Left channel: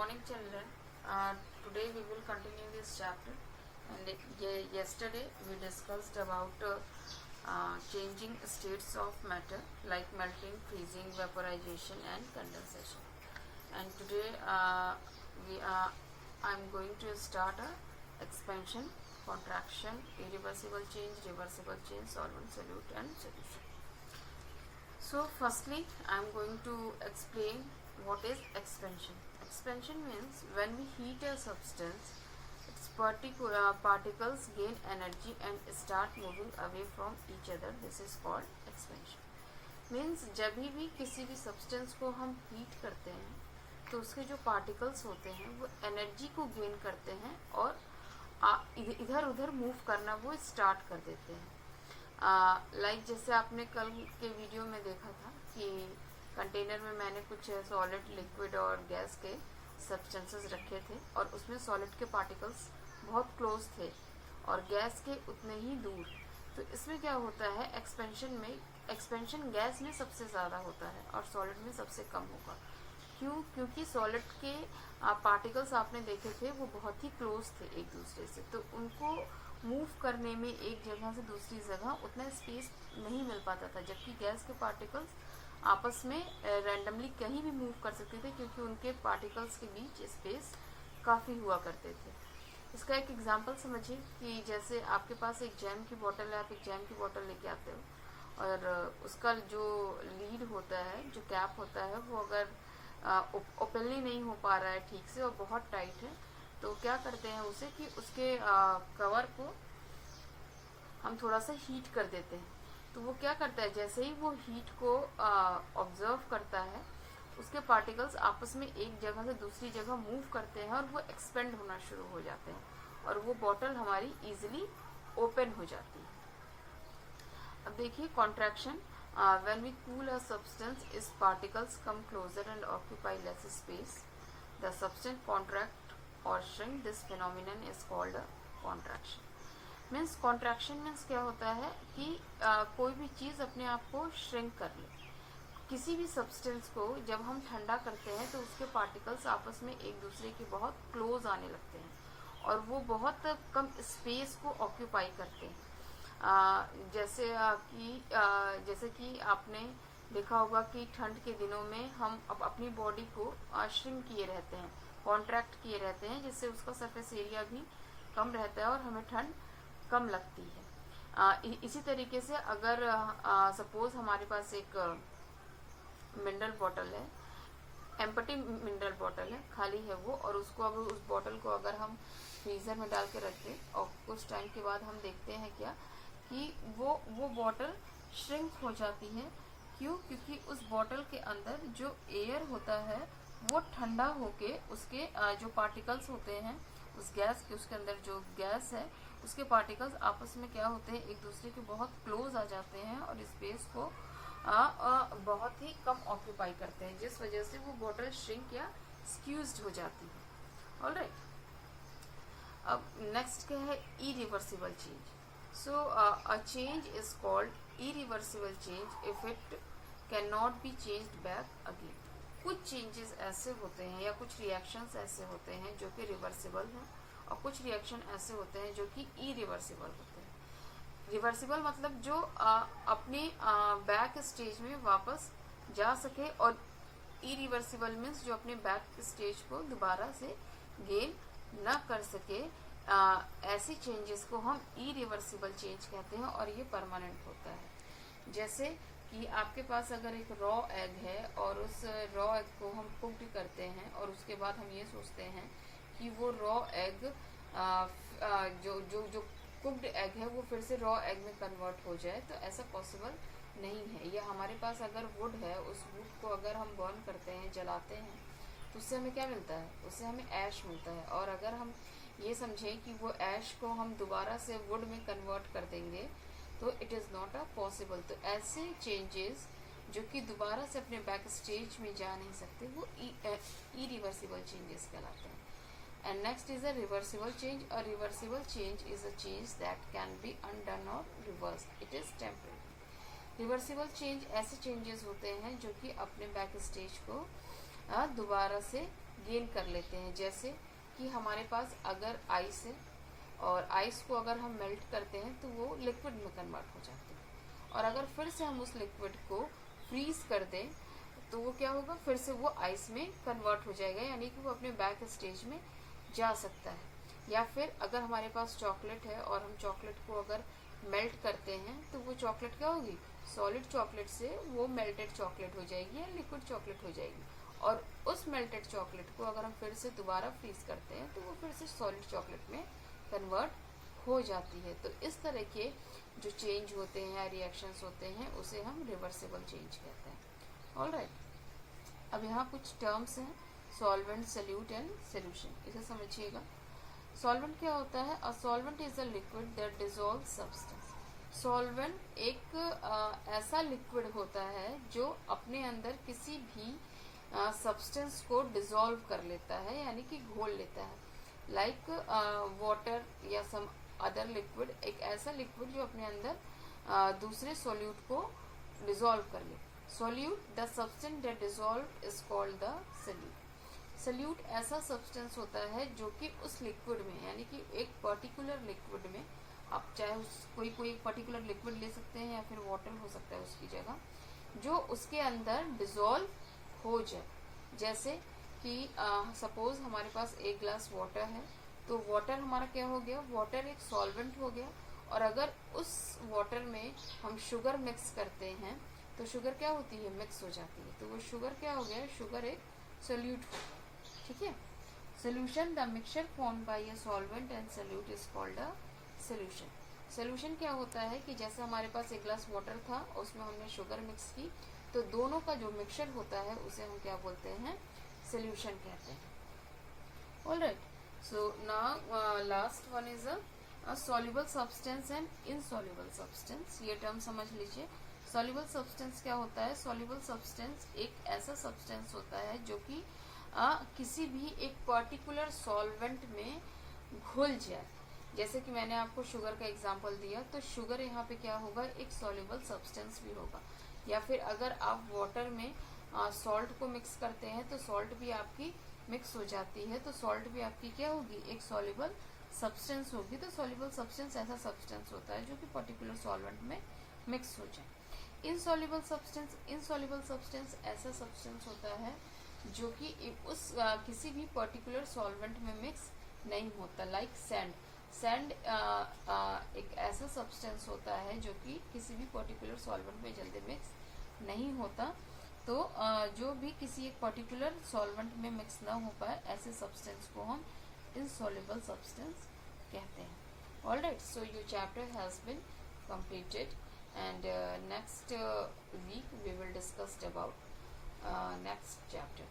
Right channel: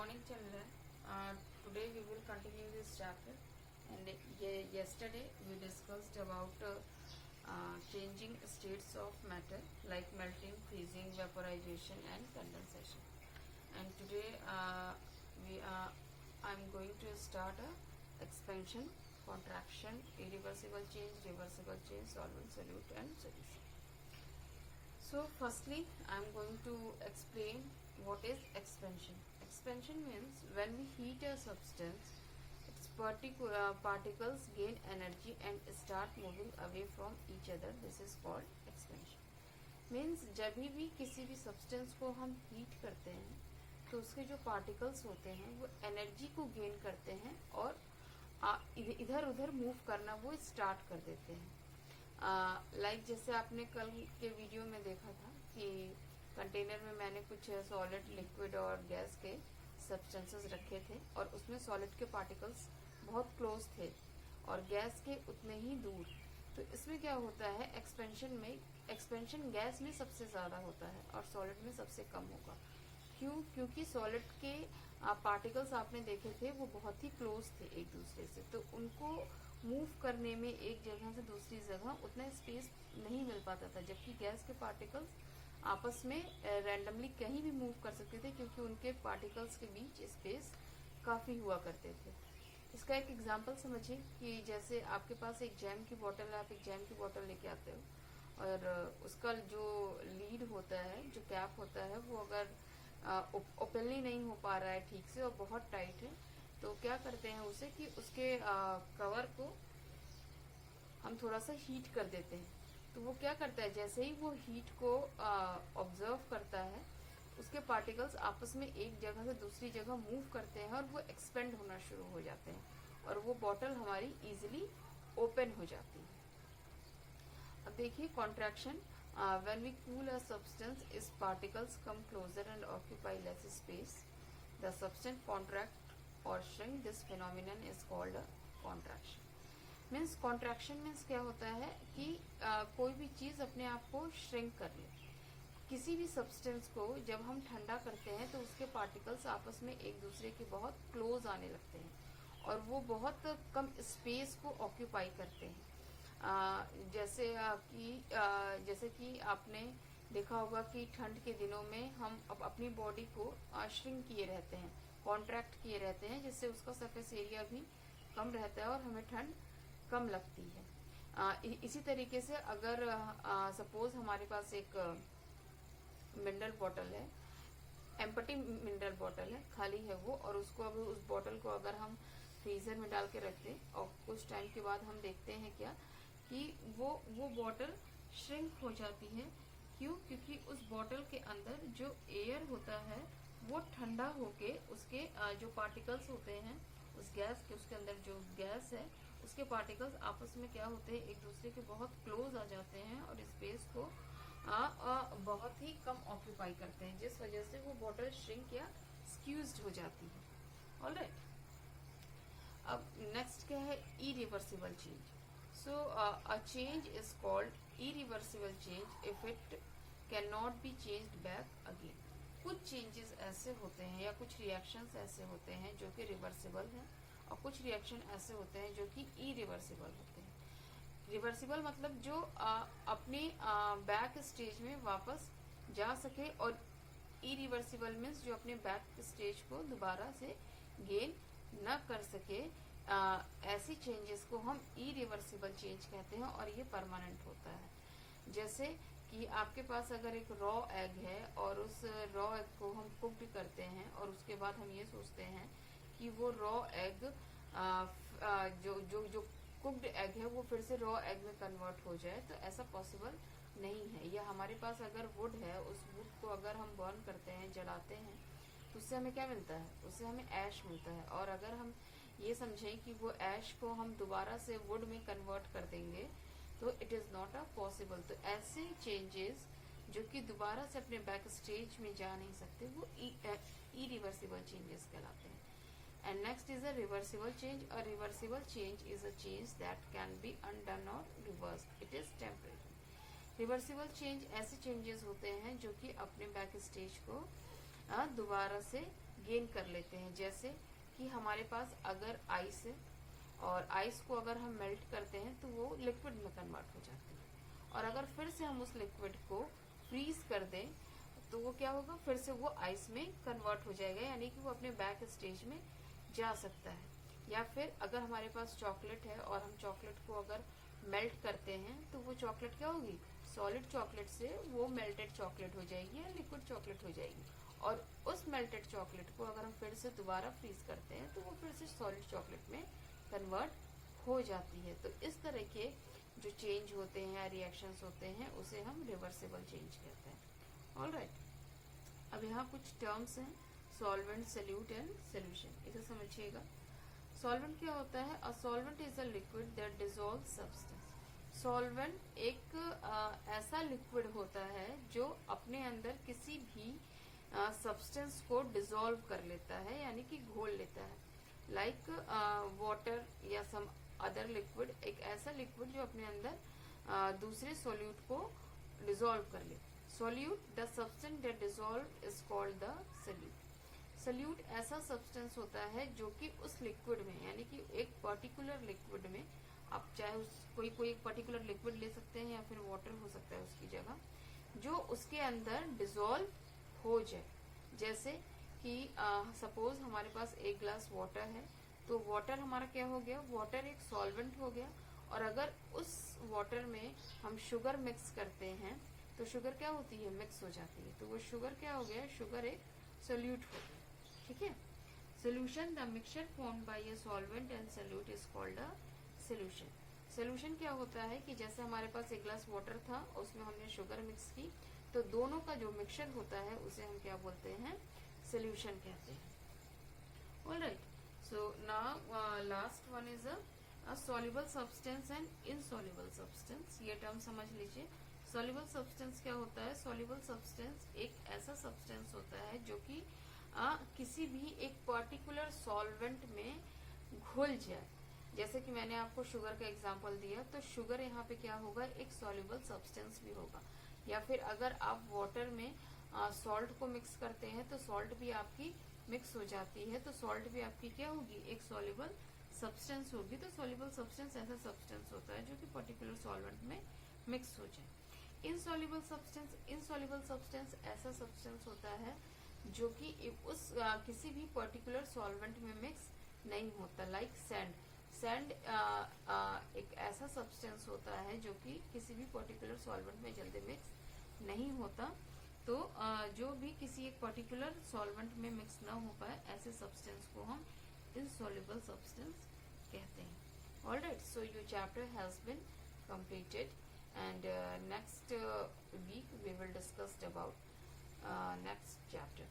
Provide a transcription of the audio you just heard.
morning, children. Today we will continue this chapter. And yesterday we discussed about changing states of matter like melting, freezing, vaporization, and condensation. And today I'm going to start a expansion, contraction, irreversible change, reversible change, solvent, solute, and solution. So firstly, I'm going to explain what is expansion. Expansion means when we heat a substance, its particles gain energy and start moving away from each other. This is called expansion. Means जब भी किसी भी substance को हम heat करते हैं तो उसके जो पार्टिकल्स होते हैं वो एनर्जी को गेन करते हैं और इधर उधर मूव करना वो स्टार्ट कर देते हैं. लाइक जैसे आपने कल के वीडियो में देखा था कि कंटेनर में मैंने कुछ सॉलिड, लिक्विड और गैस के सब्सटेंसेस रखे थे और उसमें सॉलिड के पार्टिकल्स बहुत क्लोज थे और गैस के उतने ही दूर. तो इसमें क्या होता है, एक्सपेंशन गैस में सबसे ज़्यादा होता है और सॉलिड में सबसे कम होगा. क्योंकि सॉलिड के पार्टिकल्स आपने देखे थे वो बहुत ही क्लोज थे एक दूसरे से, तो उनको मूव करने में एक जगह से दूसरी जगह उतना स्पेस नहीं मिल पाता था. जबकि गैस के पार्टिकल्स आपस में रैंडमली कहीं भी मूव कर सकते थे क्योंकि उनके पार्टिकल्स के बीच स्पेस काफ़ी हुआ करते थे. इसका एक एग्जांपल समझिए कि जैसे आपके पास एक जैम की बोतल है, आप एक जैम की बोतल लेके आते हो और उसका जो लीड होता है, जो कैप होता है, वो अगर ओपनली नहीं हो पा रहा है ठीक से और बहुत टाइट है, तो क्या करते हैं उसे कि उसके कवर को हम थोड़ा सा हीट कर देते हैं. तो वो क्या करता है, जैसे ही वो हीट को ऑब्जर्व करता है, उसके पार्टिकल्स आपस में एक जगह से दूसरी जगह मूव करते हैं और वो एक्सपेंड होना शुरू हो जाते हैं और वो बॉटल हमारी इजीली ओपन हो जाती है. अब देखिए contraction. When we cool a substance, its particles come closer and occupy less space. The substance contract और shrink. This phenomenon is called contraction. Means contraction means क्या होता है कि कोई भी चीज़ अपने आप को श्रिंक कर ले. किसी भी सब्सटेंस को जब हम ठंडा करते हैं तो उसके पार्टिकल्स आपस में एक दूसरे के बहुत क्लोज आने लगते हैं और वो बहुत कम स्पेस को ऑक्यूपाई करते हैं. जैसे कि आपने देखा होगा कि ठंड के दिनों में हम अपनी बॉडी को श्रिंक किए रहते हैं, कॉन्ट्रैक्ट किए रहते हैं, जिससे उसका सरफेस एरिया भी कम रहता है और हमें ठंड कम लगती है. इसी तरीके से अगर सपोज हमारे पास एक मिनरल बॉटल है, एम्प्टी मिनरल बॉटल है, खाली है वो, और उसको अगर उस बॉटल को अगर हम फ्रीज़र में डाल के रखें और कुछ टाइम के बाद हम देखते हैं क्या कि वो बॉटल श्रिंक हो जाती है. क्यों? क्योंकि उस बॉटल के अंदर जो एयर होता है वो ठंडा होके उसके जो पार्टिकल्स होते हैं उस गैस के, उसके अंदर जो गैस है उसके पार्टिकल्स आपस में क्या होते हैं, एक दूसरे के बहुत क्लोज आ जाते हैं और स्पेस को बहुत ही कम ऑक्यूपाई करते हैं, जिस वजह से वो बॉटल श्रिंक या स्क्यूज्ड हो जाती है. ऑलराइट. अब नेक्स्ट क्या है, irreversible change. So a change is called irreversible change if it can not be changed back again. कुछ चेंजेस ऐसे होते हैं या कुछ रिएक्शंस ऐसे होते हैं जो कि रिवर्सिबल हैं और कुछ रिएक्शन ऐसे होते हैं जो कि इरिवर्सिबल होते हैं. रिवर्सिबल मतलब जो अपने बैक स्टेज में वापस जा सके, और इरिवर्सिबल मीन्स जो अपने बैक स्टेज को दोबारा से गेन न कर सके. ऐसी चेंजेस को हम इरिवर्सिबल चेंज कहते हैं और ये परमानेंट होता है. जैसे कि आपके पास अगर एक रॉ एग है और उस रॉ एग को हम कुक्ड करते हैं और उसके बाद हम ये सोचते हैं कि वो रॉ एग जो कुक्ड एग है वो फिर से रॉ एग में कन्वर्ट हो जाए, तो ऐसा पॉसिबल नहीं है. या हमारे पास अगर वुड है, उस वुड को अगर हम बर्न करते हैं, जलाते हैं, तो उससे हमें क्या मिलता है, उससे हमें ऐश मिलता है. और अगर हम ये समझें कि वो ऐश को हम दोबारा से वुड में कन्वर्ट कर देंगे तो it is not a possible. तो ऐसे चेंजेस जो कि दोबारा से अपने बैक स्टेज में जा नहीं सकते वो इरिवर्सिबल चेंजेस कहलाते हैं. And next is a reversible change. A reversible change is a change that can be undone or reversed. It is temporary. Reversible change ऐसे changes होते हैं जो कि अपने बैक स्टेज को दोबारा से गेन कर लेते हैं। जैसे कि हमारे पास अगर आइस है और आइस को अगर हम मेल्ट करते हैं तो वो लिक्विड में कन्वर्ट हो जाते हैं, और अगर फिर से हम उस लिक्विड को फ्रीज कर दें तो वो क्या होगा, फिर से वो आइस में कन्वर्ट हो जाएगा, यानी कि वो अपने बैक स्टेज में जा सकता है। या फिर अगर हमारे पास चॉकलेट है और हम चॉकलेट को अगर मेल्ट करते हैं तो वो चॉकलेट क्या होगी, सॉलिड चॉकलेट से वो मेल्टेड चॉकलेट हो जाएगी या लिक्विड चॉकलेट हो जाएगी, और उस मेल्टेड चॉकलेट को अगर हम फिर से दोबारा फ्रीज करते हैं तो वो फिर से सॉलिड चॉकलेट में कन्वर्ट हो जाती है। तो इस तरह के जो चेंज होते हैं या रिएक्शंस होते हैं उसे हम रिवर्सिबल चेंज कहते हैं। ऑलराइट, अब यहाँ कुछ टर्म्स हैं, सॉल्वेंट, सल्यूट एंड सोल्यूशन, इसे समझिएगा। सॉल्वेंट क्या होता है? A solvent is a liquid that dissolve substance. Solvent एक ऐसा लिक्विड होता है जो अपने अंदर किसी भी सब्सटेंस को डिसॉल्व कर लेता है, यानी कि घोल लेता है। लाइक वाटर या सम अदर लिक्विड, एक ऐसा लिक्विड जो अपने अंदर दूसरे सोल्यूट को डिसॉल्व कर ले। Solute, the substance that dissolve is called the solute. Solute ऐसा सब्सटेंस होता है जो कि उस लिक्विड में, यानी कि एक पर्टिकुलर लिक्विड में, आप चाहे उस कोई पर्टिकुलर लिक्विड ले सकते हैं या फिर वाटर हो सकता है उसकी जगह, जो उसके अंदर डिसॉल्व हो जाए। जैसे कि सपोज हमारे पास एक ग्लास वाटर है, तो वाटर हमारा क्या हो गया, वाटर एक सॉल्वेंट हो गया, और अगर उस वाटर में हम शुगर मिक्स करते हैं तो शुगर क्या होती है, मिक्स हो जाती है, तो वो शुगर क्या हो गया, शुगर एक सोल्यूट हो गया। ठीक है। Solution, the mixture form by a solvent and solute is called a solution. Solution क्या होता है कि जैसे हमारे पास एक ग्लास वाटर था, उसमें हमने शुगर मिक्स की, तो दोनों का जो मिक्सचर होता है उसे हम क्या बोलते हैं, सोल्यूशन कहते हैं। Alright, so now last one is a soluble substance and insoluble substance. ये टर्म समझ लीजिए। सॉल्युबल सब्सटेंस क्या होता है? सॉल्युबल सब्सटेंस एक ऐसा सब्सटेंस होता है जो कि किसी भी एक पर्टिकुलर सॉल्वेंट में घुल जाए। जैसे कि मैंने आपको शुगर का एग्जांपल दिया, तो शुगर यहाँ पे क्या होगा, एक सॉल्युबल सब्सटेंस भी होगा। या फिर अगर आप वाटर में सॉल्ट को मिक्स करते हैं तो सॉल्ट भी आपकी मिक्स हो जाती है, तो सॉल्ट भी आपकी क्या होगी, एक सॉल्युबल सब्सटेंस होगी। तो सॉल्युबल सब्सटेंस ऐसा सब्सटेंस होता है जो कि पर्टिकुलर सॉल्वेंट में मिक्स हो जाए। इनसॉल्युबल सब्सटेंस ऐसा सब्सटेंस होता है जो कि उस किसी भी पर्टिकुलर सॉल्वेंट में मिक्स नहीं होता। लाइक सैंड एक ऐसा सब्सटेंस होता है जो कि किसी भी पर्टिकुलर सॉल्वेंट में जल्दी मिक्स नहीं होता। तो जो भी किसी एक पर्टिकुलर सॉल्वेंट में मिक्स ना हो पाए, ऐसे सब्सटेंस को हम इनसॉल्युबल सब्सटेंस कहते हैं। Alright, so your chapter has been completed, and next week we will discuss about next chapter.